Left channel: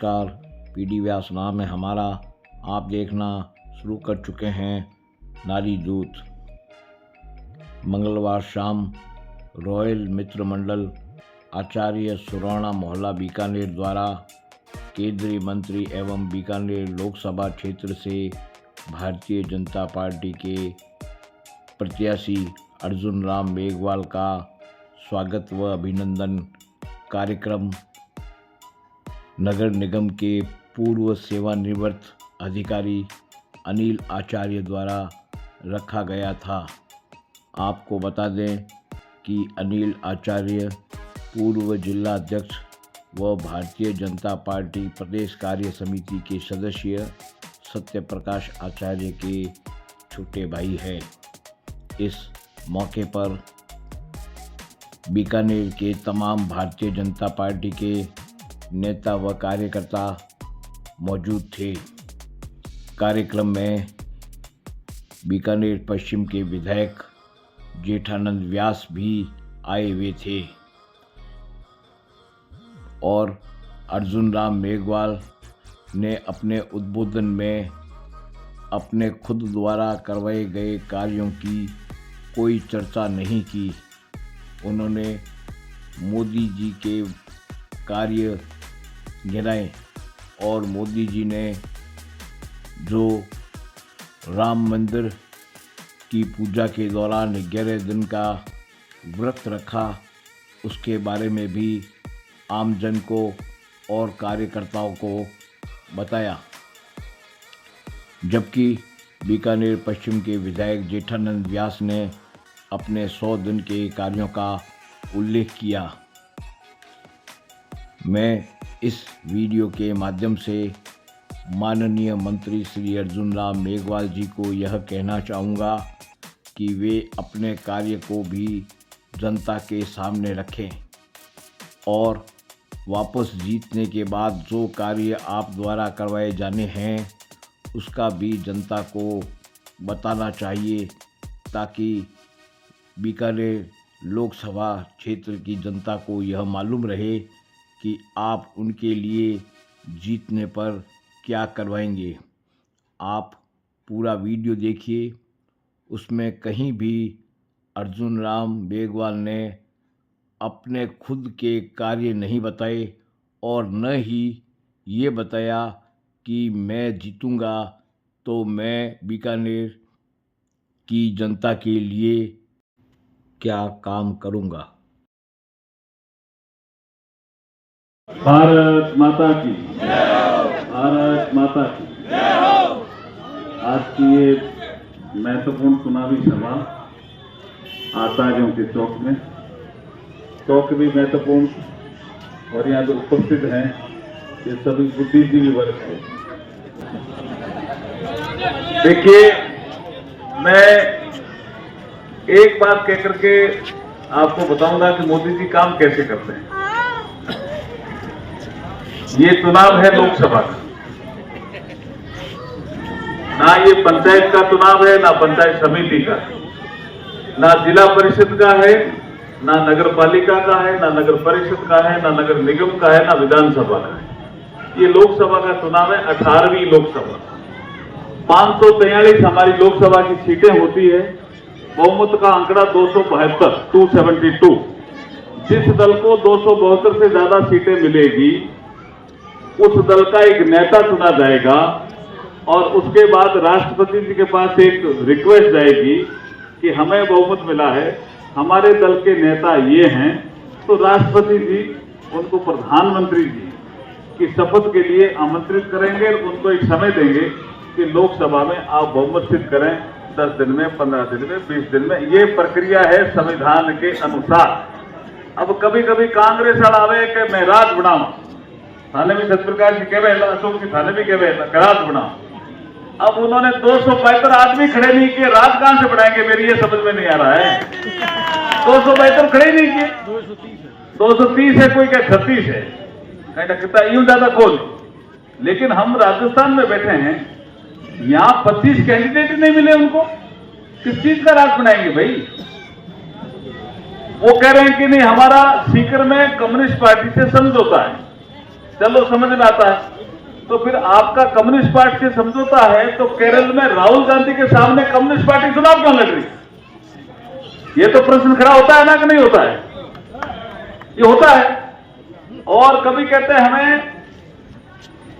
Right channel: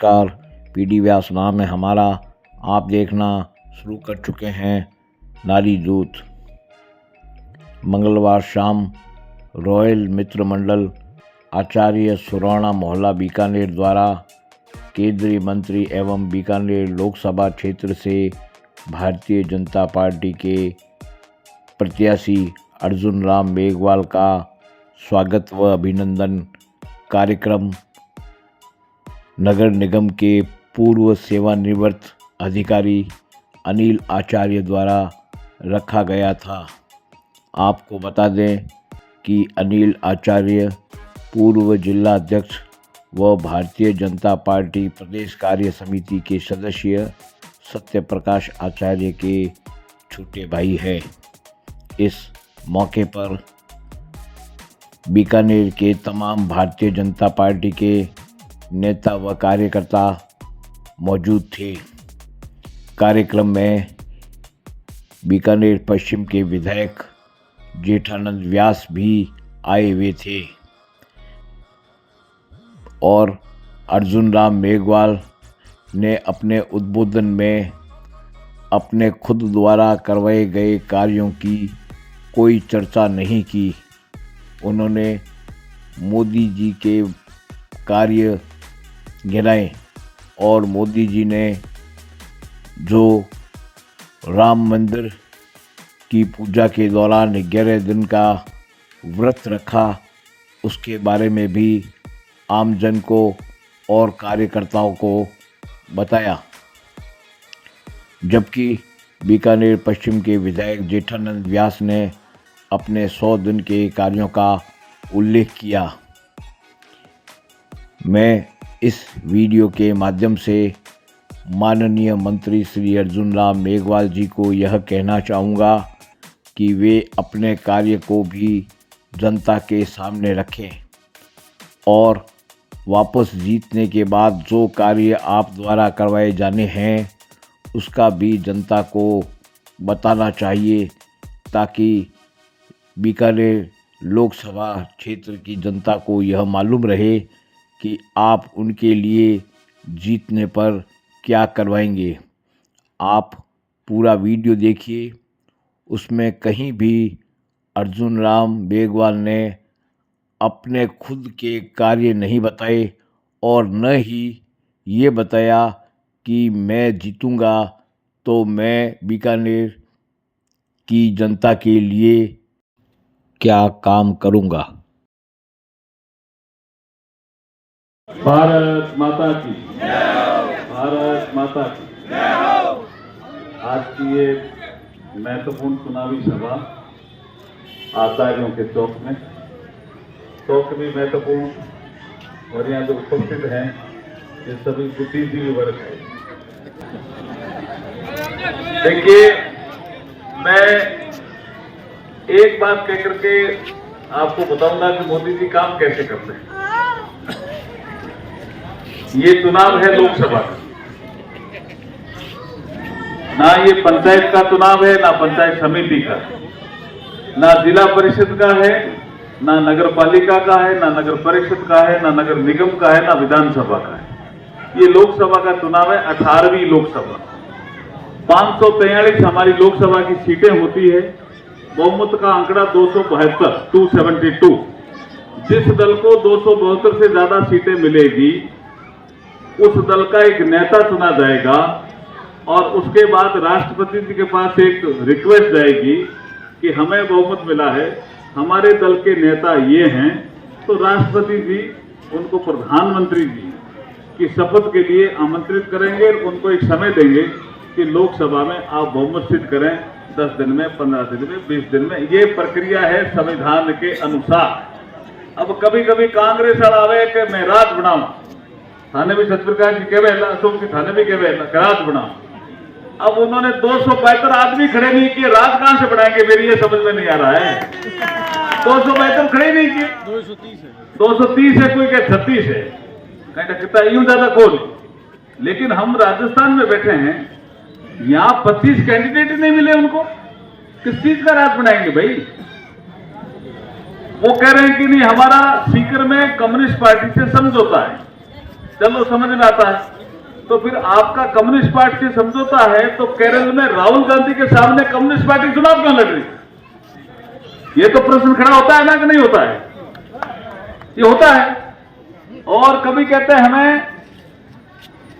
नमस्कार, पीडी व्यास नाम है हमारा। आप देखना शुरू कर चुके हैं नारी दूत। मंगलवार शाम रॉयल मित्र मंडल आचार्य सुराणा मोहल्ला बीकानेर द्वारा केंद्रीय मंत्री एवं बीकानेर लोकसभा क्षेत्र से भारतीय जनता पार्टी के प्रत्याशी अर्जुन राम मेघवाल का स्वागत व अभिनंदन कार्यक्रम नगर निगम के पूर्व सेवानिवृत्त अधिकारी अनिल आचार्य द्वारा रखा गया था। आपको बता दें कि अनिल आचार्य पूर्व जिला अध्यक्ष व भारतीय जनता पार्टी प्रदेश कार्य समिति के सदस्य सत्यप्रकाश आचार्य के छोटे भाई हैं। इस मौके पर बीकानेर के तमाम भारतीय जनता पार्टी के नेता व कार्यकर्ता मौजूद थे। कार्यक्रम में बीकानेर पश्चिम के विधायक जेठानंद व्यास भी आए हुए थे और अर्जुन राम मेघवाल ने अपने उद्बोधन में अपने खुद द्वारा करवाए गए कार्यों की कोई चर्चा नहीं की। उन्होंने मोदी जी के कार्य गिनाए और मोदी जी ने जो राम मंदिर की पूजा के दौरान 11 दिन का व्रत रखा उसके बारे में भी आमजन को और कार्यकर्ताओं को बताया। जबकि बीकानेर पश्चिम के विधायक जेठानंद व्यास ने अपने 100 दिन के कार्यों का उल्लेख किया। मैं इस वीडियो के माध्यम से माननीय मंत्री श्री अर्जुन राम मेघवाल जी को यह कहना चाहूँगा कि वे अपने कार्य को भी जनता के सामने रखें और वापस जीतने के बाद जो कार्य आप द्वारा करवाए जाने हैं उसका भी जनता को बताना चाहिए, ताकि बीकानेर लोकसभा क्षेत्र की जनता को यह मालूम रहे कि आप उनके लिए जीतने पर क्या करवाएंगे। आप पूरा वीडियो देखिए, उसमें कहीं भी अर्जुन राम मेघवाल ने अपने खुद के कार्य नहीं बताए और न ही ये बताया कि मैं जीतूंगा तो मैं बीकानेर की जनता के लिए क्या काम करूंगा। भारत माता की, भारत माता की। आज की ये महत्वपूर्ण चुनावी सभा आचार्यों के चौक में, चौक भी महत्वपूर्ण और यहाँ जो उपस्थित हैं ये सभी बुद्धिजीवी वर्ग है। देखिए, मैं एक बात कह करके आपको बताऊंगा कि मोदी जी काम कैसे करते हैं। ये चुनाव है लोकसभा का, ना ये पंचायत का चुनाव है, ना पंचायत समिति का, ना जिला परिषद का है, ना नगर पालिका का है, ना नगर परिषद का है, ना नगर निगम का है, ना विधानसभा का है। ये लोकसभा का चुनाव है, 18वीं लोकसभा। 543 हमारी लोकसभा की सीटें होती है। बहुमत का आंकड़ा 272। जिस दल को 272 से ज्यादा सीटें मिलेगी उस दल का एक नेता चुना जाएगा और उसके बाद राष्ट्रपति जी के पास एक रिक्वेस्ट जाएगी कि हमें बहुमत मिला है, हमारे दल के नेता ये हैं, तो राष्ट्रपति जी उनको प्रधानमंत्री जी की शपथ के लिए आमंत्रित करेंगे। उनको एक समय देंगे कि लोकसभा में आप बहुमत सिद्ध करें 10 दिन में, 15 दिन में, 20 दिन में। ये प्रक्रिया है संविधान के अनुसार। अब कभी कभी कांग्रेस अड़ावे कि मैं रात बनाऊं, थाने में सत्यप्रकाश जी कह रहे, अशोक जी थाने में कह रहे रात बनाओ। अब उन्होंने 272 आदमी खड़े नहीं किए, रात कहां से बनाएंगे, मेरी ये समझ में नहीं आ रहा है। 272 खड़े नहीं किए, 230 है, कोई क्या 36 है, कहीं यूं ज्यादा खोल। लेकिन हम राजस्थान में बैठे हैं, यहाँ 25 कैंडिडेट नहीं मिले उनको, किस चीज का राज बनाएंगे भाई। वो कह रहे हैं कि नहीं, हमारा सीकर में कम्युनिस्ट पार्टी से समझौता है। चलो समझ में आता है। तो फिर आपका कम्युनिस्ट पार्टी से समझौता है, तो केरल में राहुल गांधी के सामने कम्युनिस्ट पार्टी चुनाव क्यों लड़ रही? ये तो प्रश्न खड़ा होता है ना कि नहीं होता है? ये होता है। और कभी कहते हैं हमें,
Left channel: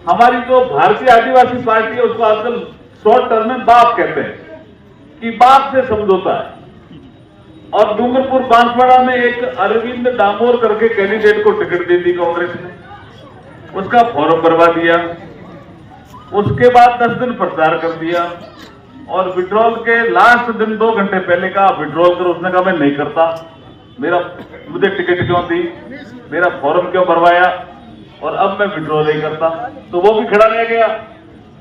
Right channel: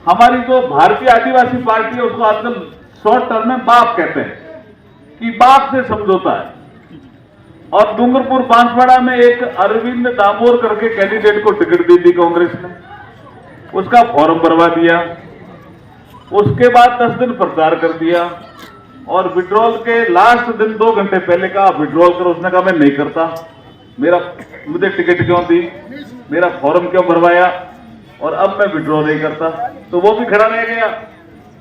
हमारी जो भारतीय आदिवासी पार्टी है उसको आजकल शॉर्ट टर्म में बाप कहते हैं कि बाप से समझौता है। और डूंगरपुर बांसवाड़ा में एक अरविंद डामोर करके कैंडिडेट को टिकट दी थी कांग्रेस ने, उसका फॉर्म भरवा दिया, उसके बाद 10 दिन प्रचार कर दिया और विड्रॉल के लास्ट दिन 2 घंटे पहले कहा विड्रॉल करो। उसने कहा मैं नहीं करता, मुझे टिकट क्यों दी, मेरा फॉर्म क्यों भरवाया, और अब मैं विड्रॉल नहीं करता। तो वो भी खड़ा रह गया।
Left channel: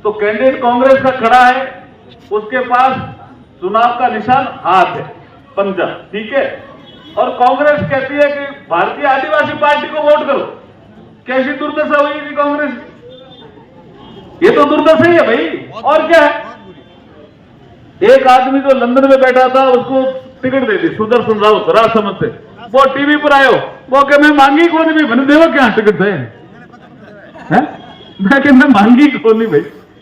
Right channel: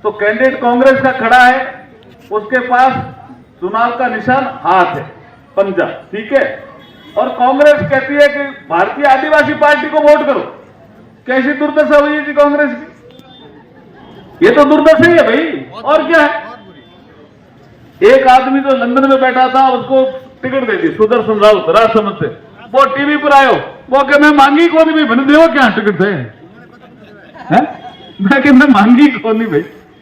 तो कैंडिडेट कांग्रेस का खड़ा है, उसके पास चुनाव का निशान हाथ है, पंजा, ठीक है। और कांग्रेस कहती है कि भारतीय आदिवासी पार्टी को वोट करो। कैसी दुर्दशा हुई थी कांग्रेस की? ये तो दुर्दशा ही है भाई, और क्या है। एक आदमी जो लंदन में बैठा था उसको टिकट दे दी, सुदर्शन राउत राजसमंद से। वो टीवी पर आयो, वो कह मैं मांगी कौन भी बने देव क्या टिकट थे, मैं कह मैं मांगी कौन नहीं भाई।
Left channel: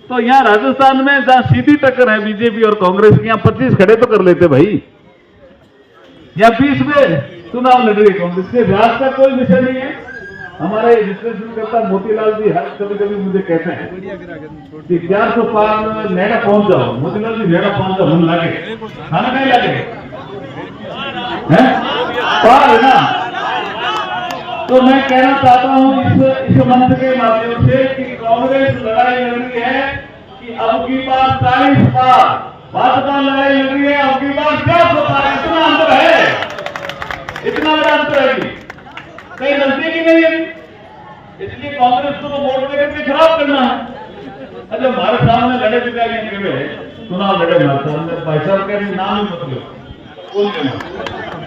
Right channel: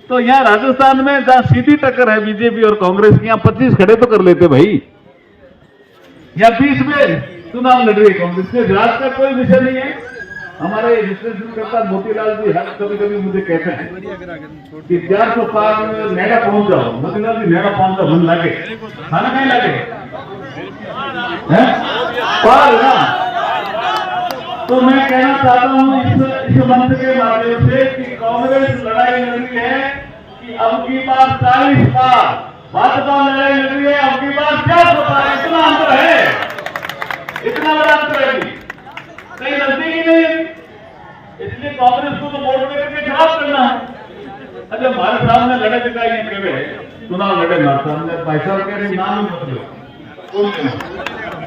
तो यहाँ राजस्थान में जहां सीधी टक्कर है बीजेपी और कांग्रेस की, यहाँ 25 खड़े तो कर लेते भाई। या 20 में चुनाव लड़ रही कांग्रेस से। राज का कोई विषय नहीं है। हमारे विश्लेषण करता मोतीलाल जी हर कभी कभी मुझे कहते हैं कि 400 पार नेड़ा पहुंच जाओ। मोतीलाल जी नेड़ा पहुंच जाओ, मन लगे खाना नहीं लगे पार है ना। तो मैं कहना चाहता हूं इस मंच के माध्यम से कि कांग्रेस लड़ाई लड़ रही है कि अब की बार 40 पार, भाजपा लड़ाई लड़ रही है अब की बार 400 पार। इतना अंतर है, इतना बड़ा अंतर है कि कहीं नजदीक ही नहीं है। इसलिए कांग्रेस को तो वोट देकर के खराब करना है। अच्छा हमारे सामने लड़े दिखाई के चुनाव लड़े हमारे सामने, भाई साहब कह रहे नाम ही मत लो, कौन लेना,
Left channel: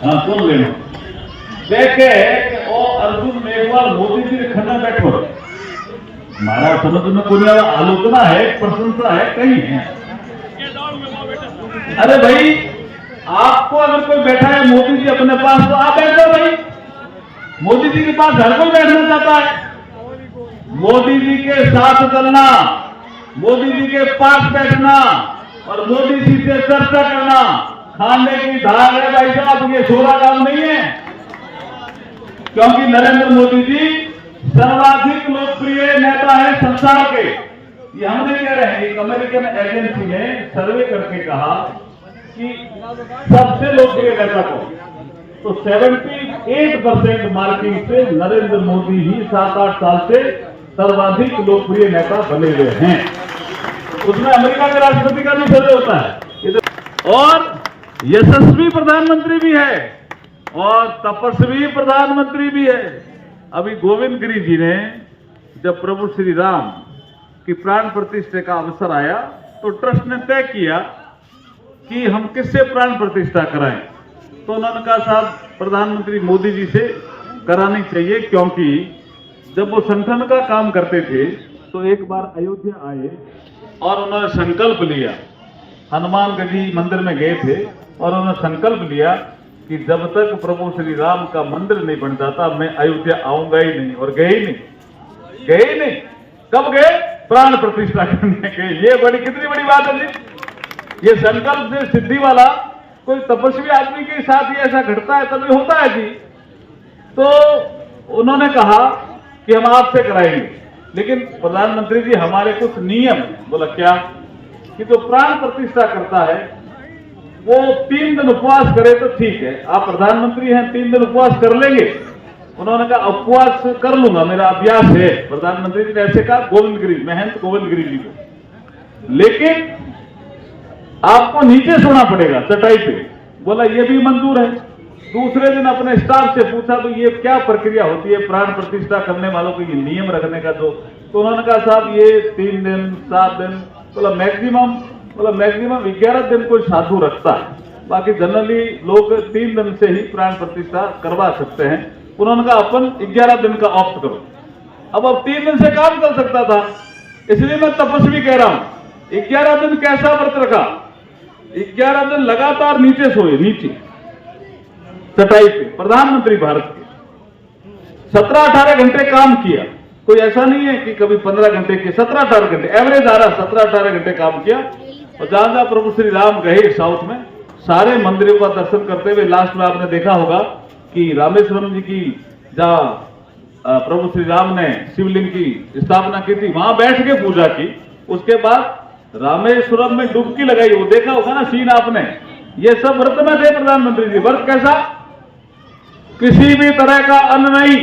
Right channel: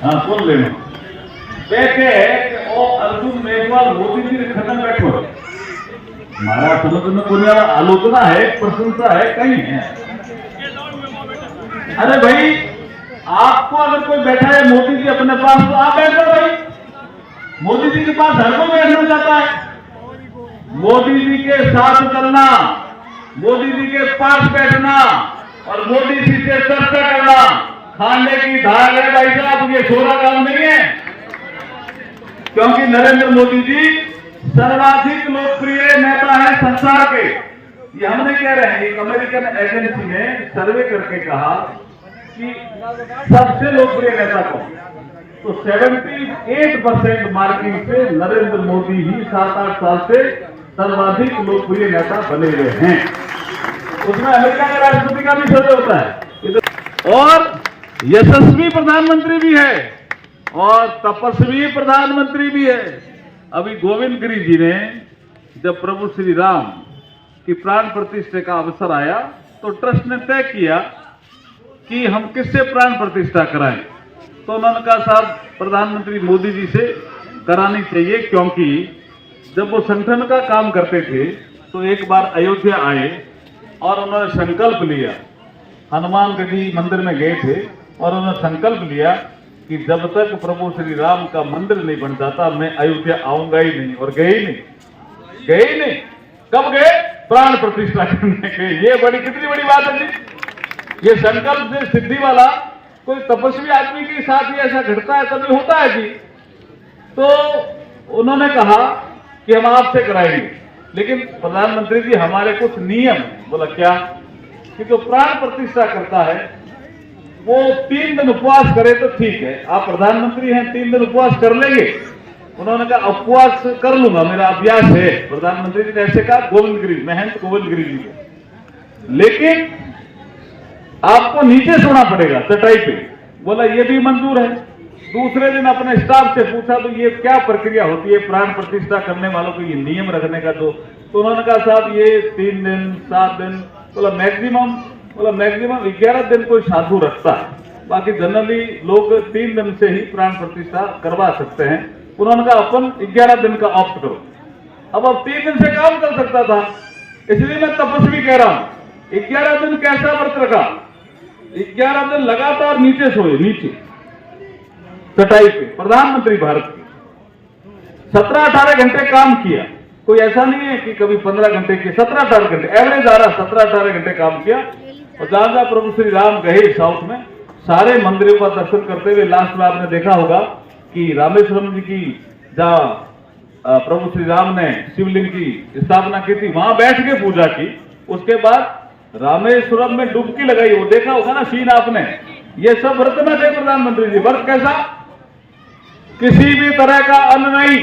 हाँ कौन लेना। देखे और अर्जुन मेघवाल मोदी जी के खन्ना बैठो, हमारा समझ में कोई आलोचना है, प्रशंसा है, कहीं है। अरे भाई आपको अगर कोई बैठा है मोदी जी अपने पास, तो आप बैठो भाई। मोदी जी के पास हर कोई बैठना चाहता है। मोदी जी के साथ चलना, मोदी जी के पास बैठना और मोदी जी से चर्चा करना खाने की ढाल है भाई साहब, ये छोटा काम नहीं है। क्योंकि नरेंद्र मोदी जी सर्वाधिक लोकप्रिय नेता है संसार के। ये हम नहीं कह रहे हैं, एक अमेरिकन एजेंसी ने सर्वे करके कहा कि सबसे लोकप्रिय नेता कौन, तो 78% मार्किंग से नरेंद्र मोदी ही 7-8 साल से सर्वाधिक लोकप्रिय नेता बने हुए हैं। उसमें अमेरिका के राष्ट्रपति का भी सर्वे होता है। और यशस्वी प्रधानमंत्री भी है और तपस्वी प्रधानमंत्री भी है। अभी गोविंद गिरी जी ने जब प्रभु श्री राम की प्राण प्रतिष्ठा का अवसर आया तो ट्रस्ट ने तय किया कि हम किससे प्राण प्रतिष्ठा कराएं। तो उन्होंने कहा साहब प्रधानमंत्री मोदी जी से करानी चाहिए, क्योंकि जब वो संगठन का काम करते थे तो एक बार अयोध्या आए और उन्होंने संकल्प लिया, हनुमान गढ़ी मंदिर में गए थे और उन्होंने संकल्प लिया कि जब तक प्रभु श्री राम का मंदिर नहीं बन जाता मैं अयोध्या आऊंगा ही नहीं। और गए ही नहीं। कब गए? प्राण प्रतिष्ठा करने के। ये कितनी बड़ी बात है जी। ये संकल्प से सिद्धि वाला कोई तपस्वी आदमी के साथ ही ऐसा घटता है, तभी होता है जी। तो उन्होंने कहा कि हम आपसे कराएंगे, लेकिन प्रधानमंत्री जी हमारे कुछ नियम। बोला क्या? कि जो प्राण प्रतिष्ठा करता है वो 3 दिन उपवास करे तो ठीक है, आप प्रधानमंत्री हैं 3 दिन उपवास कर लेंगे? उन्होंने कहा उपवास कर लूंगा, मेरा अभ्यास है। प्रधानमंत्री जी ने ऐसे कहा गोविंद गिरी, महंत गोविंद गिरी जी को, लेकिन आपको नीचे सोना पड़ेगा चटाई पे। बोला ये भी मंजूर है। दूसरे दिन अपने स्टाफ से पूछा तो ये क्या प्रक्रिया होती है प्राण प्रतिष्ठा करने वालों को ये नियम रखने का? तो उन्होंने कहा साहब ये 3 दिन 7 दिन, बोला मैक्सिमम 11 दिन कोई साधु रखता है, बाकी जनरली लोग 3 दिन से ही प्राण प्रतिष्ठा करवा सकते हैं। उन्होंने कहा अपन 11 दिन का ऑप्ट करो। अब 3 दिन से काम कर सकता था, इसलिए मैं तपस्वी कह रहा हूं। 11 दिन कैसा व्रत रखा? 11 दिन लगातार नीचे सोए, नीचे चटाई पे। प्रधानमंत्री भारत के 17-18 घंटे काम किया कोई ऐसा नहीं है कि कभी 15 घंटे के 17-18 घंटे एवरेज आ रहा, 17-18 घंटे काम किया। और जहां प्रभु श्री राम गए साउथ में, सारे मंदिरों का दर्शन करते हुए लास्ट में आपने देखा होगा कि रामेश्वरम जी की जहाँ प्रभु श्री राम ने शिवलिंग की स्थापना की थी, वहां बैठ के पूजा की। उसके बाद रामेश्वरम में डुबकी लगाई, वो देखा होगा ना सीन आपने। ये सब व्रत में थे प्रधानमंत्री जी। व्रत कैसा? किसी भी तरह का अन्न नहीं।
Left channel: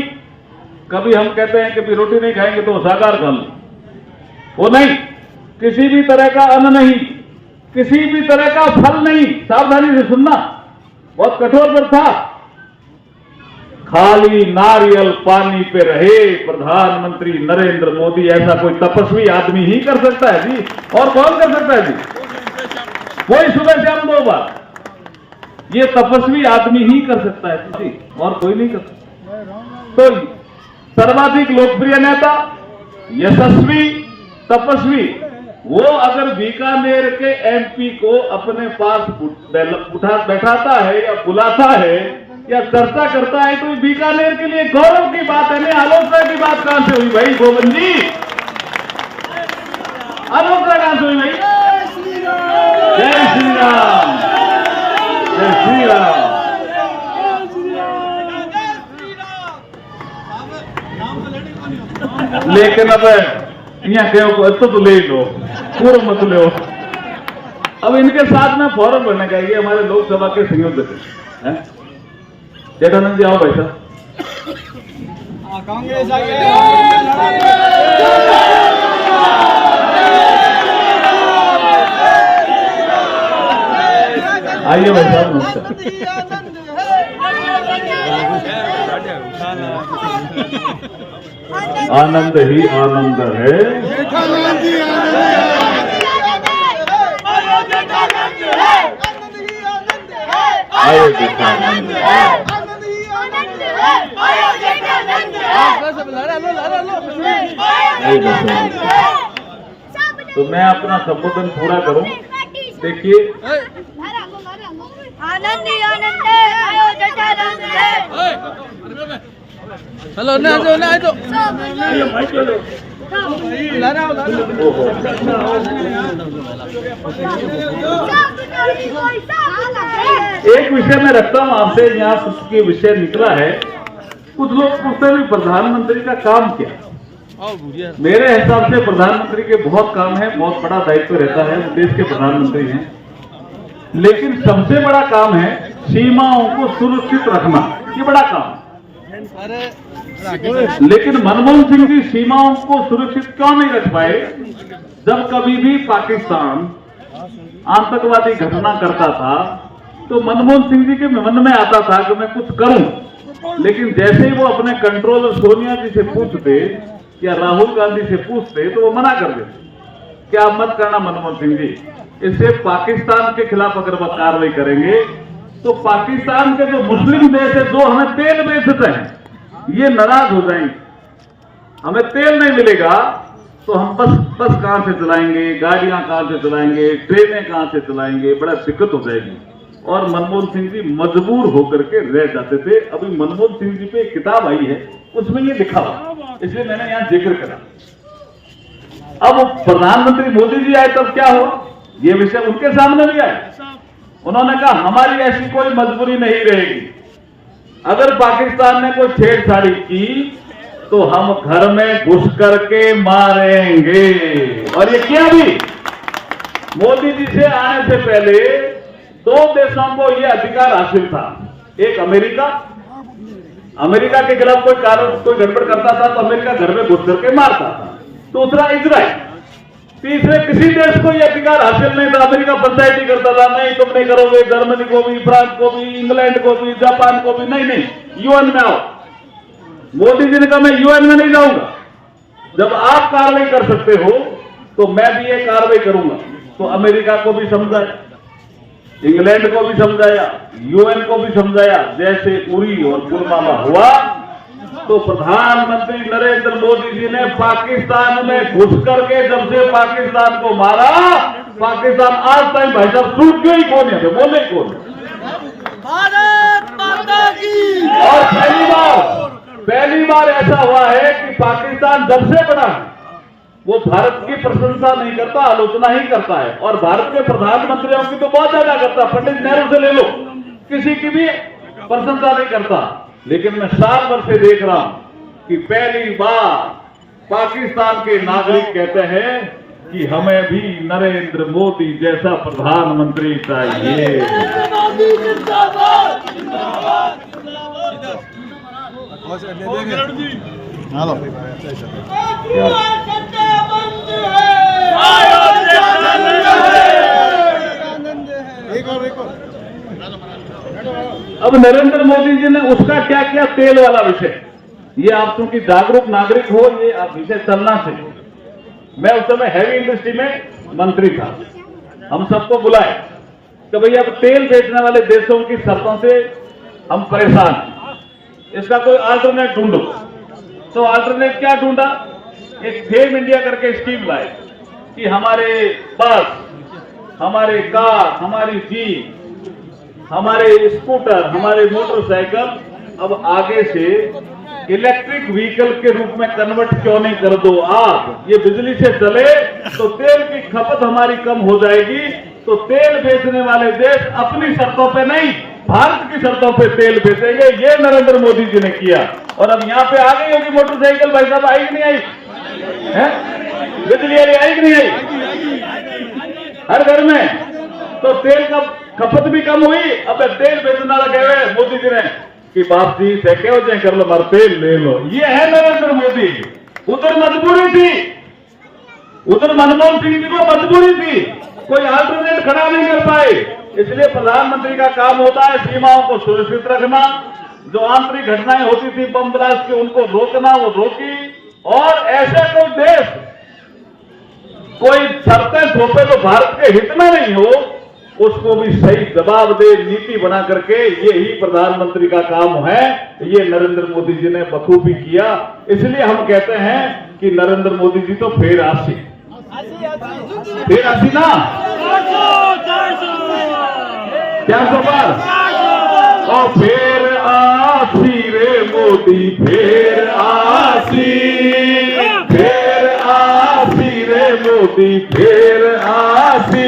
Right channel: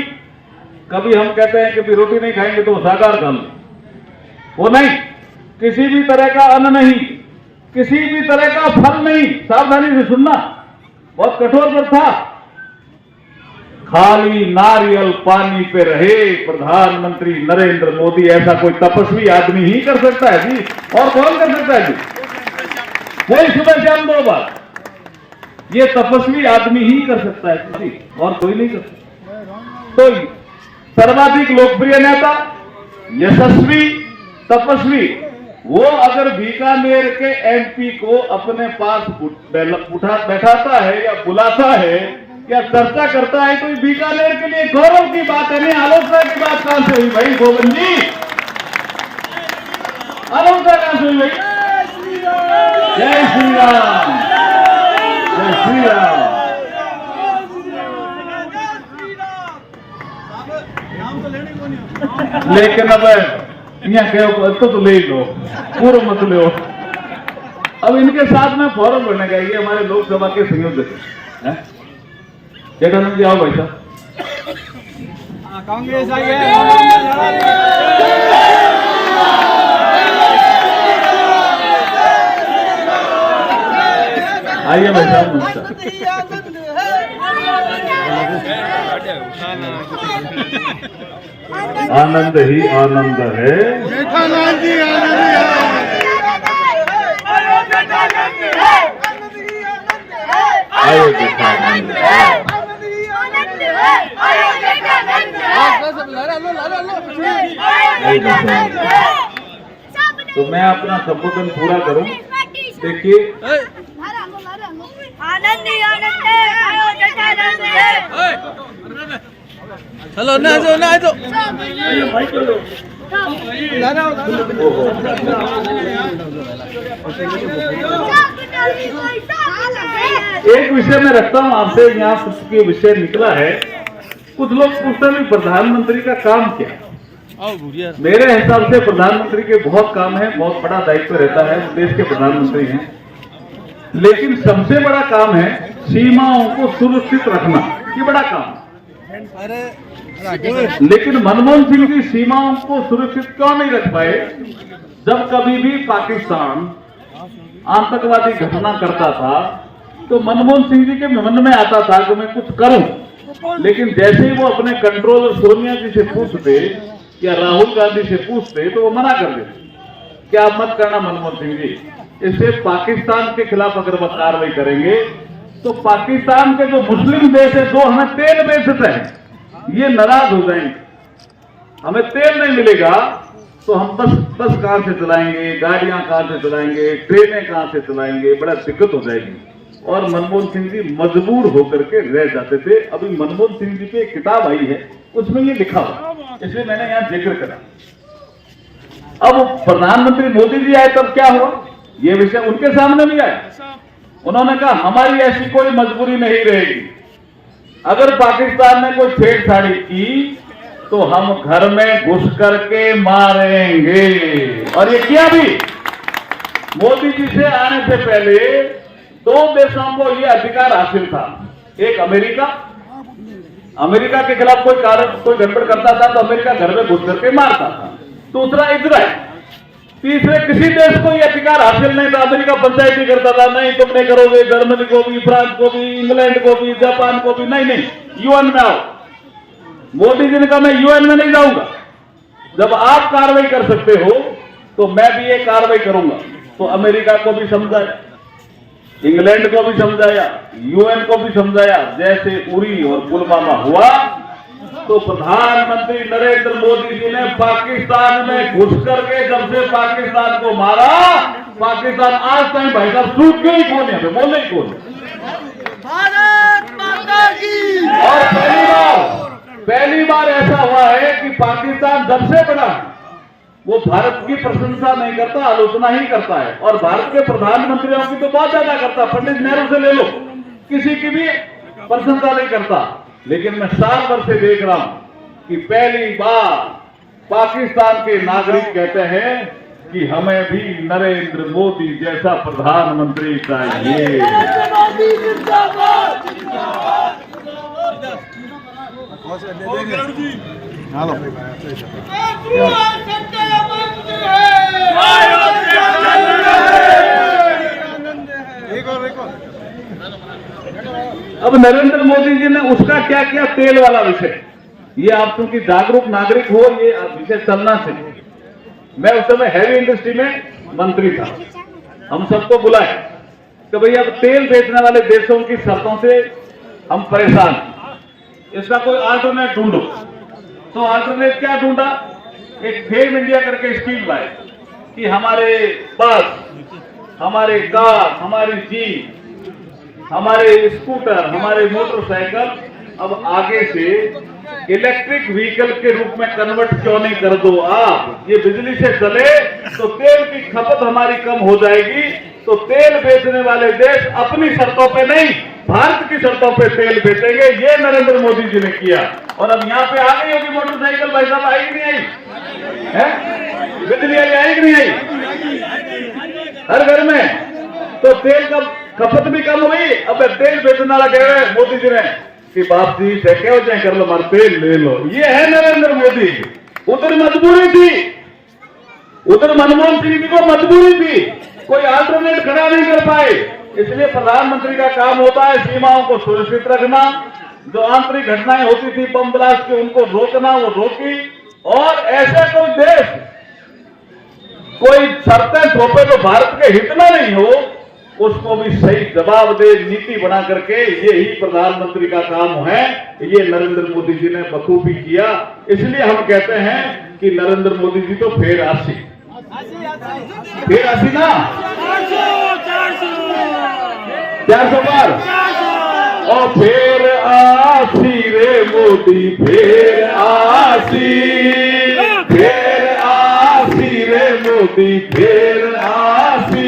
कभी हम कहते हैं कि रोटी नहीं खाएंगे तो शाकाहार खा लो, वो नहीं। किसी भी तरह का अन्न नहीं, किसी भी तरह का फल नहीं। सावधानी से सुनना, बहुत कठोर व्रत था। खाली नारियल पानी पे रहे प्रधानमंत्री नरेंद्र मोदी। ऐसा कोई तपस्वी आदमी ही कर सकता है जी, और कौन कर सकता है जी? कोई सुबह शाम 2 बार, ये तपस्वी आदमी ही कर सकता है जी, और कोई नहीं कर सकता। तो सर्वाधिक लोकप्रिय नेता, यशस्वी, तपस्वी, वो अगर बीकानेर के एमपी को अपने पास बैठाता है या बुलाता है या चर्चा करता है, तो बीकानेर के लिए गौरव की बात है। नहीं, आलोचना की बात कहां से हुई भाई गोविंद जी? आलोचना कहां से हुई भाई? जय श्री राम, जय श्री राम। लेकिन अब यहाँ कहो तो ले लो, पूर्व मत लो। अब इनके साथ में फौरन बढ़ने का, ये हमारे लोकसभा के संयोजक हैं। चेतानंद जी आओ भाई साहब। कांग्रेस आई है। आइए भाई साहब, नमस्कार। आनंद ही आनंद है। तो मैं अपना संबोधन पूरा करूं। देखिए, आनंद ही आनंद है, अयोध्या का आनंद है। चलो ना जो ना जो एक विषय में रखता हूं आपसे, यहाँ के विषय निकला है। कुछ लोग पूछते हैं प्रधानमंत्री का काम क्या है। मेरे हिसाब से प्रधानमंत्री के बहुत काम है, बहुत बड़ा दायित्व रहता है, देश के प्रधानमंत्री हैं। लेकिन सबसे बड़ा काम है सीमाओं को सुरक्षित रखना, ये बड़ा काम। लेकिन मनमोहन सिंह जी सीमाओं को सुरक्षित क्यों नहीं रख पाए? जब कभी भी पाकिस्तान आतंकवादी घटना करता था तो मनमोहन सिंह जी के मन में आता था कि मैं कुछ करूं। लेकिन जैसे ही वो अपने कंट्रोलर सोनिया जी से पूछते या राहुल गांधी से पूछते तो वो मना कर देते, क्या मत करना मनमोहन सिंह जी, इससे पाकिस्तान के खिलाफ अगर हम कार्रवाई करेंगे तो पाकिस्तान के जो मुस्लिम देश है, जो हमें तेल बेचते हैं, ये नाराज हो जाएंगे। हमें तेल नहीं मिलेगा तो हम बस कहां से चलाएंगे, गाड़ियां कहां से चलाएंगे, ट्रेनें कहां से चलाएंगे, बड़ा दिक्कत हो जाएगी। और मनमोहन सिंह जी मजबूर होकर के रह जाते थे। अभी मनमोहन सिंह जी पे एक किताब आई है, उसमें ये लिखा हुआ, इसलिए मैंने यहां जिक्र करा। अब प्रधानमंत्री मोदी जी आए तब क्या हुआ, ये विषय उनके सामने भी आया। उन्होंने कहा हमारी ऐसी कोई मजबूरी नहीं रहेगी, अगर पाकिस्तान ने कोई छेड़छाड़ी की तो हम घर में घुस करके मारेंगे। और ये किया भी। मोदी जी से आने से पहले 2 देशों को ये अधिकार हासिल था। एक अमेरिका के खिलाफ कोई गड़बड़ करता था तो अमेरिका घर में घुस करके मारता था। दूसरा इजराइल। तीसरे किसी देश को यह अधिकार हासिल नहीं था। अमेरिका पंचायती करता था, नहीं तुम नहीं करोगे, जर्मनी को भी, फ्रांस को भी, इंग्लैंड को भी, जापान को भी, नहीं यूएन में आओ। मोदी जी ने कहा मैं यूएन में नहीं जाऊंगा, जब आप कार्रवाई कर सकते हो तो मैं भी ये कार्रवाई करूंगा। तो अमेरिका को भी समझाया, इंग्लैंड को भी समझाया, यूएन को भी समझाया। जैसे उरी और पुलवामा हुआ तो प्रधानमंत्री नरेंद्र मोदी जी ने पाकिस्तान में घुस करके जब से पाकिस्तान को मारा, पाकिस्तान आज तक भाई साहब सूख गई कौन है, बोले कौन। भारत माता की। और पहली बार पहली बार ऐसा हुआ है कि पाकिस्तान जब से बड़ा वो भारत की प्रशंसा नहीं करता, आलोचना ही करता है। और भारत के प्रधानमंत्रियों की तो बहुत ज्यादा करता, पंडित नेहरू से ले लो, किसी की भी प्रशंसा नहीं करता। लेकिन मैं साल भर से देख रहा हूं कि पहली बार पाकिस्तान के नागरिक कहते हैं कि हमें भी नरेंद्र मोदी जैसा प्रधानमंत्री चाहिए। अब नरेंद्र मोदी जी ने उसका क्या किया, तेल वाला विषय, ये आप क्योंकि जागरूक नागरिक हो, ये विषय चलना चाहिए। मैं उस समय हैवी इंडस्ट्री में मंत्री था, हम सबको बुलाए कि भैया अब तेल बेचने वाले देशों की शर्तों से हम परेशान, इसका कोई अल्टरनेट ढूंढो। तो अल्टरनेट क्या ढूंढा, एक फेम इंडिया करके स्कीम लाए कि हमारे बस, हमारे कार, हमारी जीप, हमारे स्कूटर, हमारे मोटरसाइकिल अब आगे से इलेक्ट्रिक व्हीकल के रूप में कन्वर्ट क्यों नहीं कर दो आप। ये बिजली से चले तो तेल की खपत हमारी कम हो जाएगी। तो तेल बेचने वाले देश अपनी शर्तों पे नहीं, भारत की शर्तों पे तेल बेचेंगे। ये नरेंद्र मोदी जी ने किया। और अब यहाँ पे आ गई होगी मोटरसाइकिल, भाई साहब, आई कि नहीं आई है? बिजली वाली आई कि नहीं आई हर घर में? तो तेल का खपत भी कम हुई। अब तेल बेचने वाला कह रहे मोदी जी ने कि बाप जी देखे हो जाए कर लो, हमारा तेल ले लो। ये है नरेंद्र मोदी। उधर मजबूरी थी, उधर मनमोहन सिंह जी को मजबूरी थी, कोई अल्टरनेट खड़ा नहीं कर पाए। इसलिए प्रधानमंत्री का काम होता है सीमाओं को सुरक्षित रखना, जो आंतरिक घटनाएं होती थी बम ब्लास्ट की उनको रोकना, वो रोकी। और ऐसे कोई देश कोई शर्तें थोपे तो भारत के हित में नहीं हो, उसको भी सही जवाब दे, नीति बना करके, यही प्रधानमंत्री का काम है। ये नरेंद्र मोदी जी ने बखूबी किया। इसलिए हम कहते हैं कि नरेंद्र मोदी जी तो फिर आसी ना 400 बार। और फिर आसी रे मोदी, फिर आसी रे मोदी, फिर आसी।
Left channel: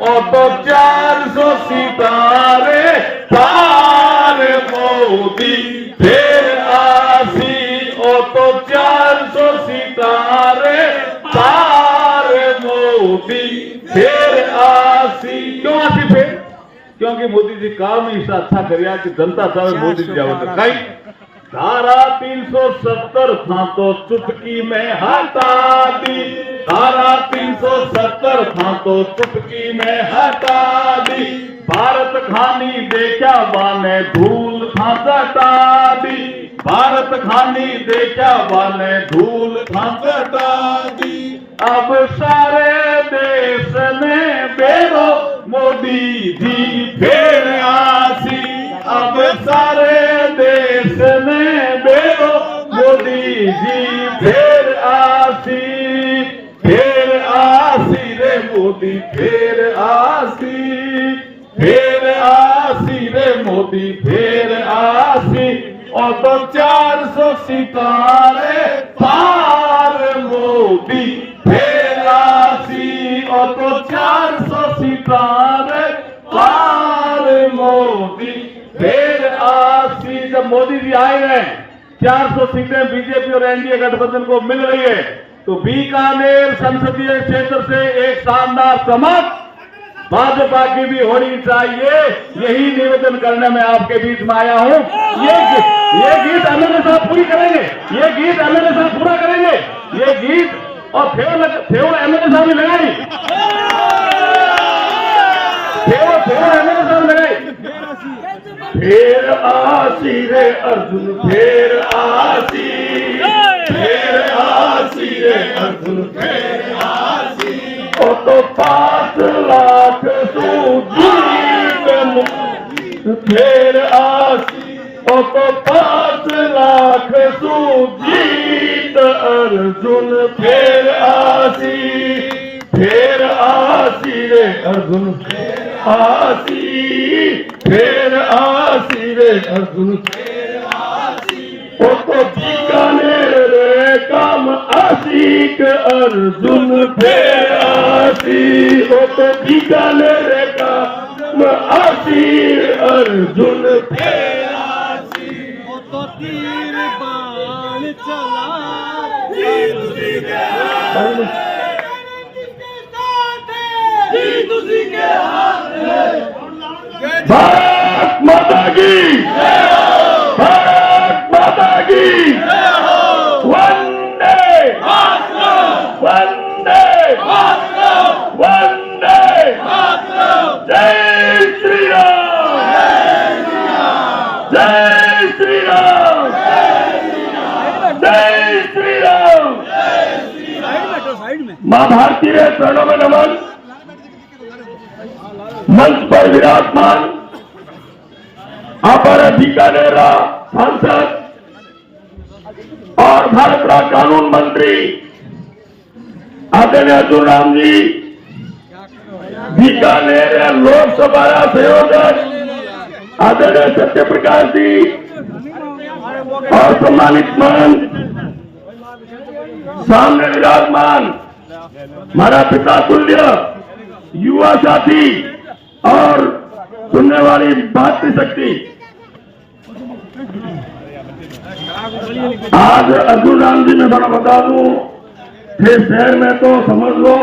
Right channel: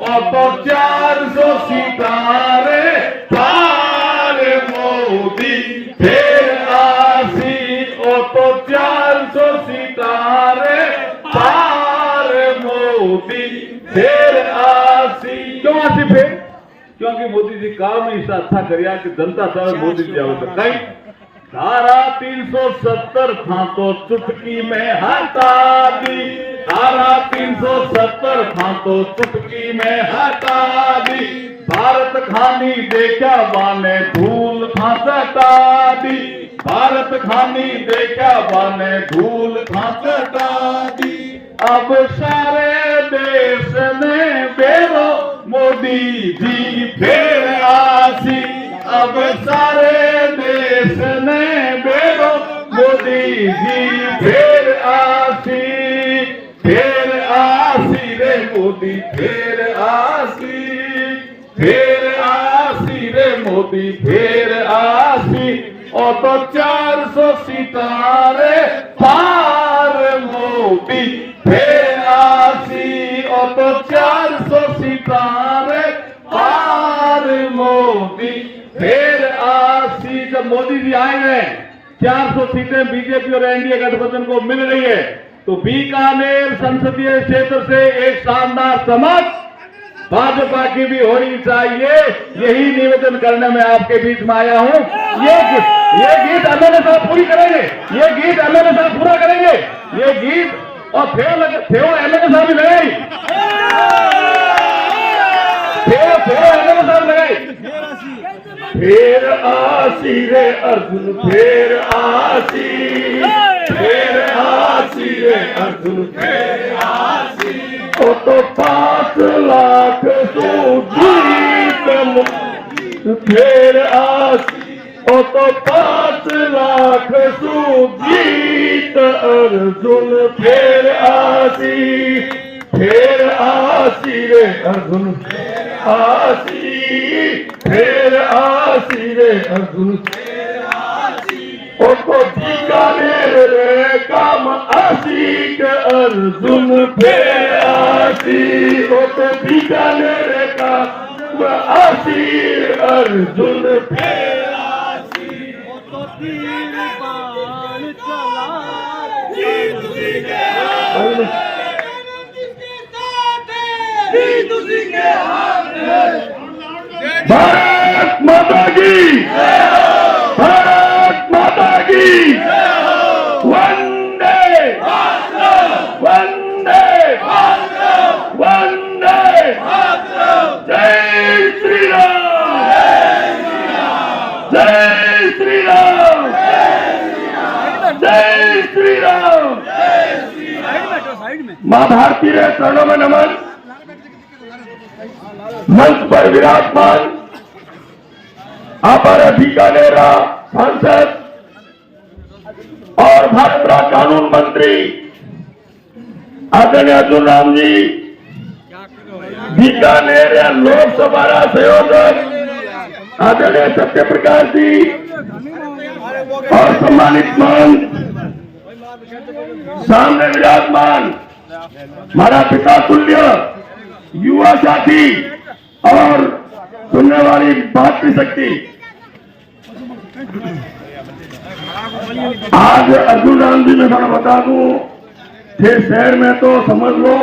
और तो 400 सितारे तार मोदी, फिर आसी। और तो 400 सितारे तार मोदी, फिर आसी। क्यों आसी फिर? क्योंकि मोदी जी काम में ऐसा अच्छा करिया कि जनता चाहे मोदी जी आओ तो कहीं। धारा 370 था तो चुटकी में हटा दी, धारा 370 था तो चुटकी में हटा दी। भारत खानी देखा बाने धूल खा चटा दी, भारत खानी देखा बाने धूल खा चटा दी। अब सारे देश ने बेरो मोदी जी फिर आसी। अब सारे देश ने बेरो मोदी जी फिर आसी, फिर आसी रे मोदी, फिर आसी, फिर आसी रे मोदी, फिर आसी। और तो 400 सितारे तार मोदी, फिर आसी। और तो 400 सितारे तार मोदी, फिर आसी। जब मोदी जी आए हैं, 400 सीटें बीजेपी और एनडीए गठबंधन को मिल रही है, तो बीकानेर संसदीय क्षेत्र से एक शानदार चमक भाजपा की भी होनी चाहिए। यही निवेदन करने में आपके बीच में आया हूं। ये गीत एमएलए साहब पूरी करेंगे, ये गीत एमएलए साहब पूरा करेंगे, ये गीत। और फेव एमएलए साहब भी लगाई, फेव एमएलए साहब लगाई। फिर आसी रे अर्जुन, फिर आसी, फिर आसी रे अर्जुन, फिर आसी। ओ तो 5 लाख फिर आसी। ओ तो 5 लाख सुजीत अर्जुन, फिर आसी, फिर आसी रे अर्जुन, फिर आसी, फिर आसी रे अर्जुन, फिर आसी। तो बीकानेर रे काम आशिक अर्जुन फेरासी, तो बीकानेर रे काम आशिक अर्जुन फेरासी, तो तीर बाण चला भारत माता की, भारत माता की, वंदे वंदे वंदे, जय श्री राम, जय श्री राम, जय श्री राम। मां भारती के चरणों में नमन। मंच पर विराजमान हमारे बीकानेर सांसद और भारत का कानून मंत्री आदरणीय अर्जुन राम जी, बीकानेर लोकसभा संयोजक आदरणीय सत्य प्रकाश जी, और सम्मानित मंच सामने विराजमान हमारा पिता तुल्य युवा साथी और सुनने वाली भारतीय शक्ति, आज अर्जुन राम जी मैं बता दूं थे शहर में तो समझ लो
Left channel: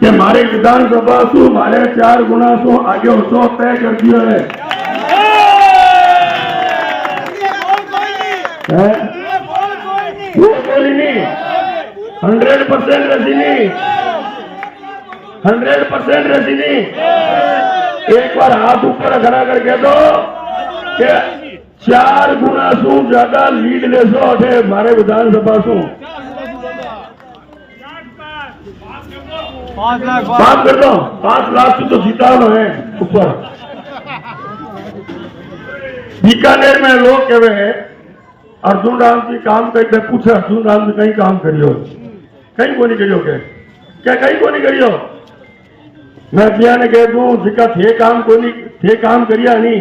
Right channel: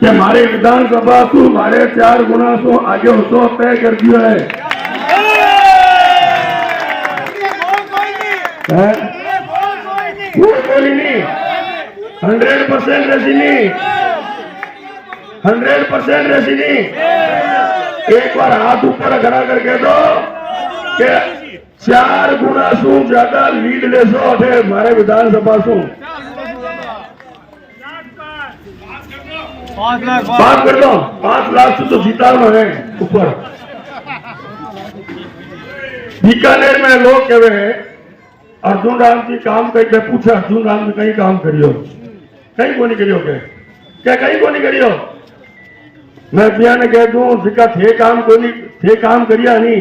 कि हमारे विधानसभा को हमारे 4 गुना सो आगे उसको तय कर दिया है। कोई नहीं, 100% रजनी, 100% रजनी। एक बार हाथ ऊपर खड़ा करके दो कि 4 गुना सु ज्यादा लीड ले सो हमारे विधानसभा सु बात कर दो। 5 लाख से तो जीता है ऊपर। बीकानेर में लोग कह रहे हैं अर्जुन राम जी काम करके पूछा, अर्जुन राम जी कहीं काम करियो, कहीं को नहीं करियो, क्या कहीं को नहीं करियो। मैं बिया ने कह दूं जिका थे काम को नहीं थे काम करिया नहीं,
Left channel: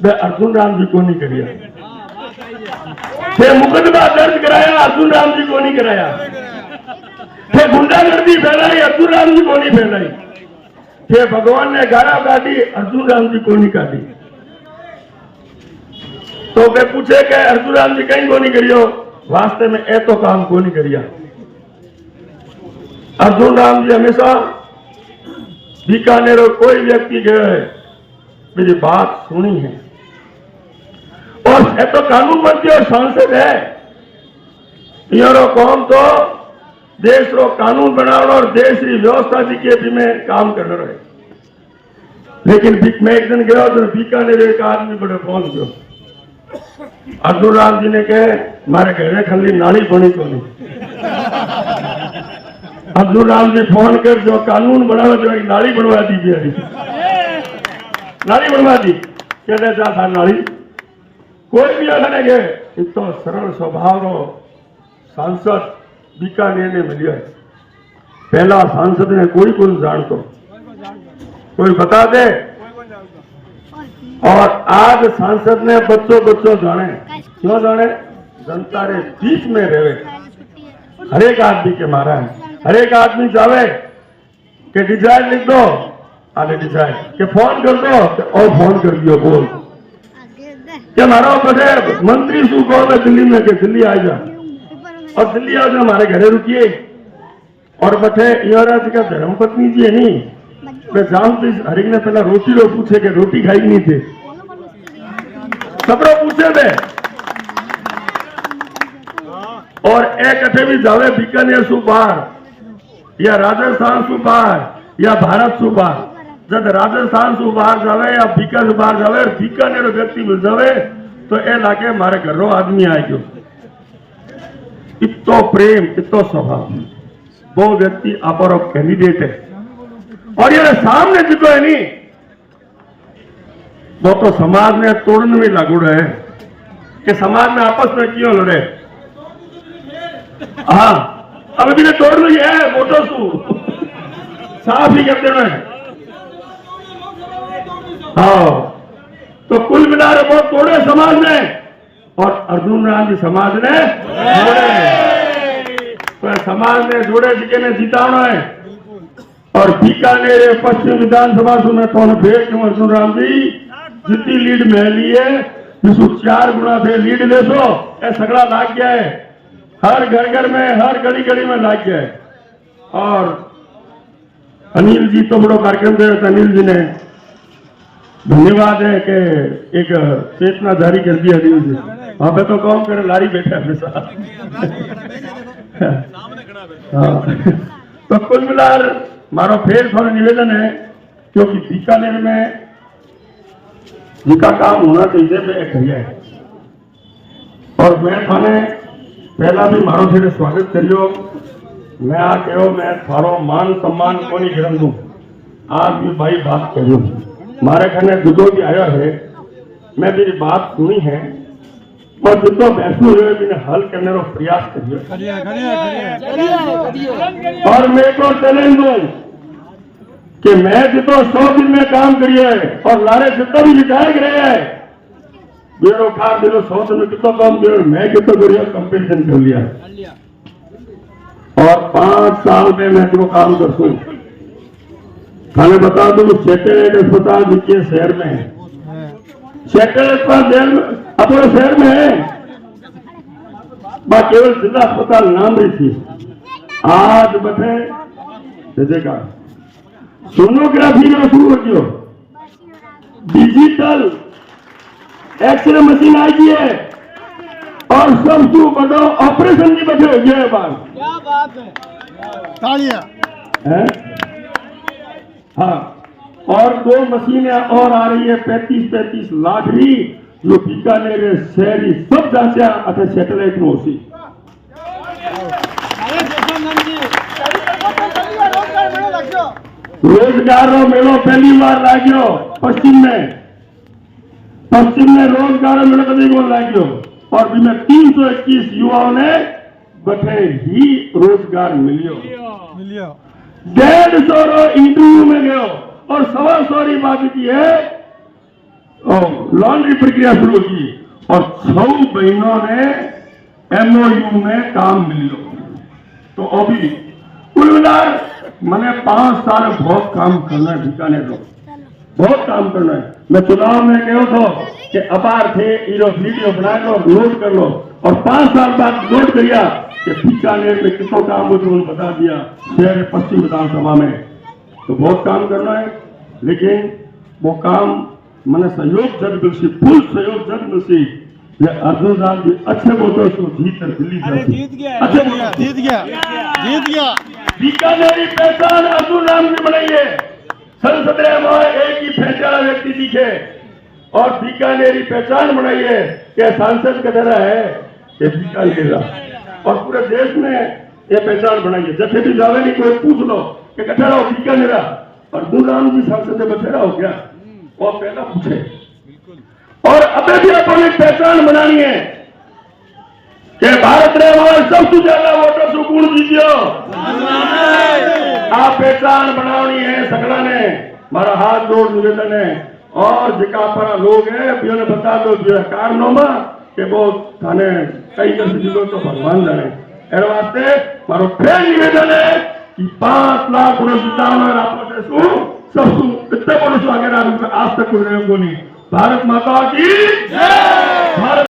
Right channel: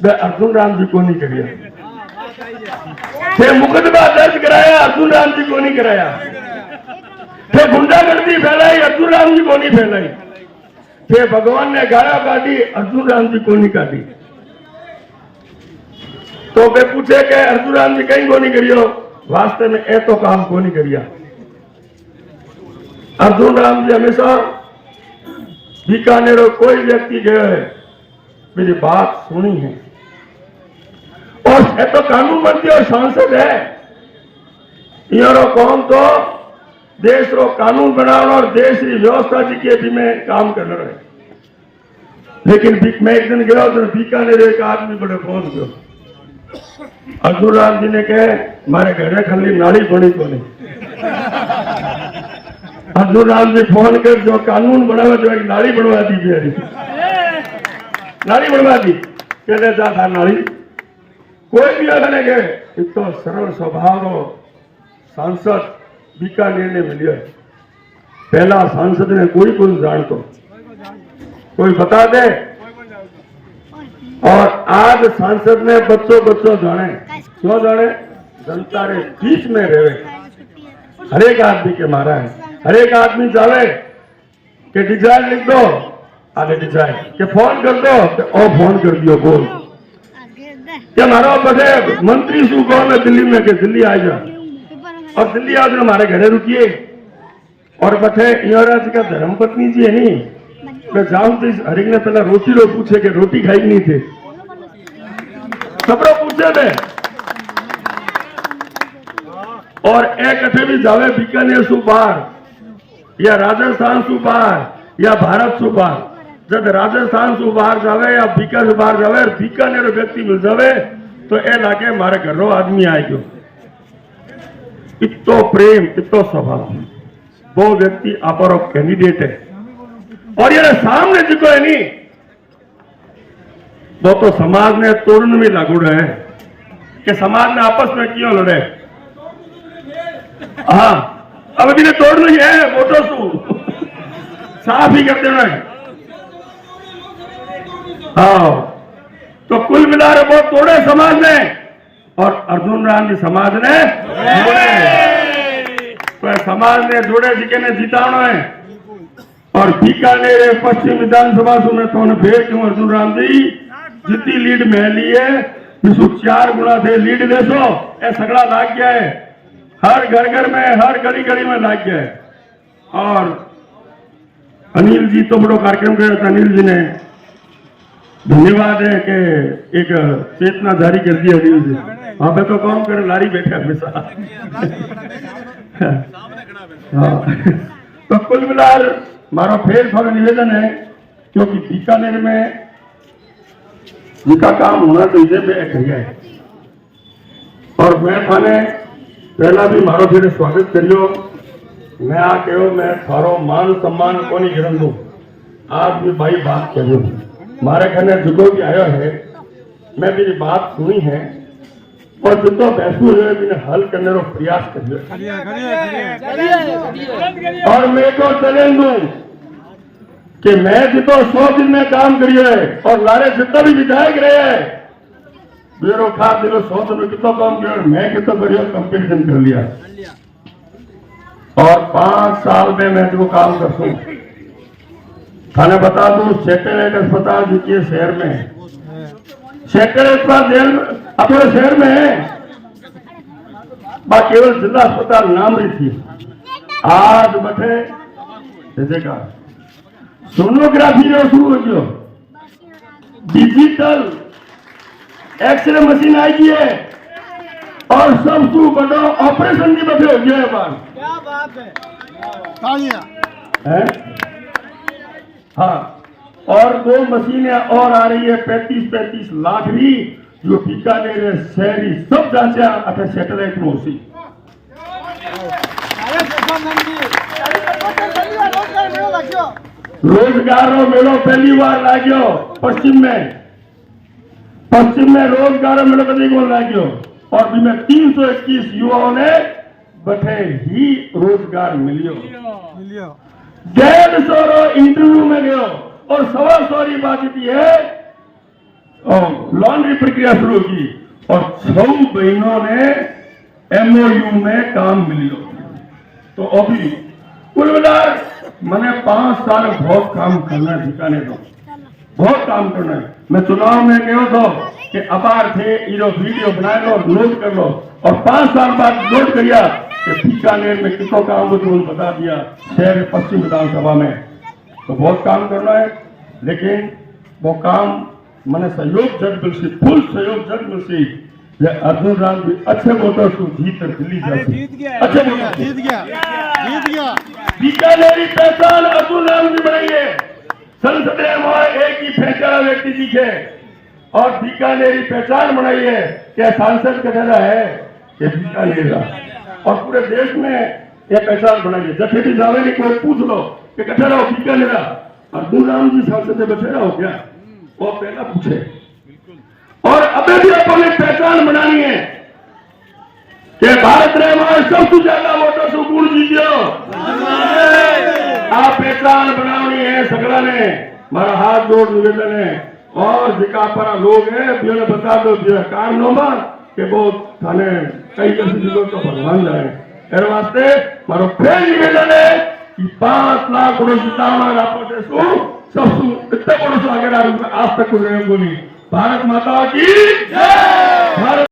मैं अर्जुन राम जी को नहीं करिया। थे मुकदमा दर्ज कराया, अर्जुन राम जी को नहीं कराया। थे गुंडागर्दी फैलाई, अर्जुन राम जी को नहीं फैलाई। थे भगवान ने गाला काटी, अर्जुन राम जी को नहीं काटी। तो वे पूछे कि अर्जुन राम जी कहीं को नहीं करियो, वास्तव में ए तो काम को नहीं करिया। अर्जुन राम जी हमेशा बीकानेर कोई व्यक्ति गए है मेरी बात सुनी है, और ए तो कानून मंत्री और सांसद है। यारो कौन तो देश रो कानून बनाना और देश की व्यवस्था के भी में काम करना रहे। लेकिन मैं एक दिन गया तो बीकानेर एक आदमी बड़े फोन किया, अर्जुन राम जी ने कहे मारे घरे खाली नाली बनी तो नहीं। अर्जुन राम जी फोन कर जो कानून बनावे जो एक नाली बनवा दी, नाली बनवा दी। कहते था नाली कोई भी आने गए इतना सरल स्वभाव सांसद बीकानेर ने मिलिया। पहला सांसद ने कोई को जान तो कोई बता दे। और आज सांसद में बच्चों जाने क्यों जाने, जनता रे बीच में रहे। हर एक आदमी के मारा है, हर एक आदमी जावे कि डिजाइन लिख दो, आगे डिजाइन के फोन कर दो तो और फोन कर दियो बोल कि हमारा बड़े मंत्री शू कहोगे दिल्ली में कि दिल्ली आ जाओ, और दिल्ली आज हमारे घरे रुकिए। और बथे युवराज का धर्म पत्नी जी है नहीं, मैं जाऊं तो हरिक ने पहला रोटी लो पूछे कि रोटी खाई नहीं थे, सबरो पूछे थे। और एक कथे भी जावे बीकानेर सु बाहर या राजस्थान सु बाहर या भारत सु बाहर, जब राजस्थान सु बाहर जावे या बीकानेर से बाहर जावे, बीकानेर व्यक्ति मिल जावे तो ए लागे मारे घरों आदमी आए गयो। इतो प्रेम इतो स्वभाव, वो व्यक्ति आपरो कैंडिडेट है। और ये सामने जिको है नहीं वो तो समाज में तोड़ने में लागू रहे कि समाज में आपस में क्यों लड़े। हाँ अब भी तोड़ रही है वोटों सु साफ ही कर देना है। हाँ तो कुल मिला वो तोड़े समाज में और अर्जुन राम जी समाज ने तो समाज ने जोड़े जी के जीताणो है और बीकानेर पश्चिम विधानसभा सुने कौन भेज तुम अर्जुन राम जी जितनी लीड में लिए जिसको 4 गुना थे लीड देसो ये सगड़ा लाग गया है हर घर में हर गली गली में लाग गया है। और अनिल जी तो बड़ो कार्यक्रम किया था, अनिल जी ने धन्यवाद है कि एक चेतना जारी कर दी अनिल जी। वहां पे तो कौन करे लारी बैठे हमेशा तो कुल मिलाकर मारो फेर थोड़ा निवेदन है क्योंकि बीकानेर में जिसका काम होना चाहिए करिए और मैं थाने पहला भी मारो थे स्वागत करियो मैं आ कहो मैं थारो मान सम्मान को नहीं गिरन दूं आज भी भाई बात करियो मारे कहने जो भी आयो है मैं मेरी बात सुनी है और जितो बैसू हुए मैंने हल करने का प्रयास करिए और मेरे को चैलेंज दूं कि मैं जितो 100 दिन में काम करिए और लारे जितना भी विधायक रहे हैं मेरे खास दिलो 100 दिन में कितना काम किया मैं कितना करिए कंपेरिजन कर लिया और 5 साल में मैं तुमको काम कर सकूं थाने बता दूं सैटेलाइट अस्पताल जिसके शहर में है सैटेलाइट अस्पताल अपने शहर में है केवल जिला अस्पताल नाम रही थी आज बैठे देखा सोनोग्राफी रो शुरू हो गयो डिजिटल एक्सरे मशीन आई गई है और सब बड़ो ऑपरेशन की बैठे हो गया है बार क्या बात है तालियां हाँ और 2 मशीनें और आ रही है 35 लाख भी जो बीकानेर शहरी सब जांचा अथे सैटेलाइट में होती रोजगार रो मेलो पहली बार लाग्यो पश्चिम में रोजगार मेलो कभी को लाग्यो और जिसमें 321 युवाओं ने बठे ही रोजगार मिलियो 150 रो इंटरव्यू में गयो और 125 बात की है लॉन्ड्री प्रक्रिया शुरू की और 6 बहनों ने MOU में काम मिलियो तो अभी कुल मिलाकर मैंने 5 साल बहुत काम करना है बीकानेर को बहुत काम करना है मैं चुनाव में कहो तो कि अपार थे इरो वीडियो बना लो लोड कर लो और 5 साल बाद लोड करिया कि बीकानेर में कितना काम मुझे बता दिया शहर पश्चिम विधानसभा में तो बहुत काम करना है लेकिन वो काम मैंने सहयोग जज मिलसी फुल सहयोग जज मिलसी अर्जुन राम जी अच्छे वोटर को जीत दिल्ली जीत गया बीकानेरी पहचान अर्जुन राम जी बनाइए संसद में एक ही पहचान व्यक्ति दिखे और बीकानेरी पहचान बनाइए क्या सांसद का तरह है कि बीकानेर और पूरे देश में ये पहचान बनाइए जैसे भी जावे नहीं कोई पूछ लो कि कठे रहो बीकानेर अर्जुन राम जी सांसद में बखेरा हो गया वो पहला पूछे और अभी भी अपनी पहचान बनानी है कि भारत में सबसे ज्यादा वोटर से गुण जीतियो आप पहचान बनानी है सगड़ा ने मारा हाथ जोड़ निवेदन है और जिका पर लोग है बिना बता दो कारणों के वो थाने कई लोग तो भगवान जाए एर वास्ते मारो फिर निवेदन है कि 5 लाख जिताना आपस सबसे इतना बड़ो आगे आज तक कुछ नहीं बोली भारत माता की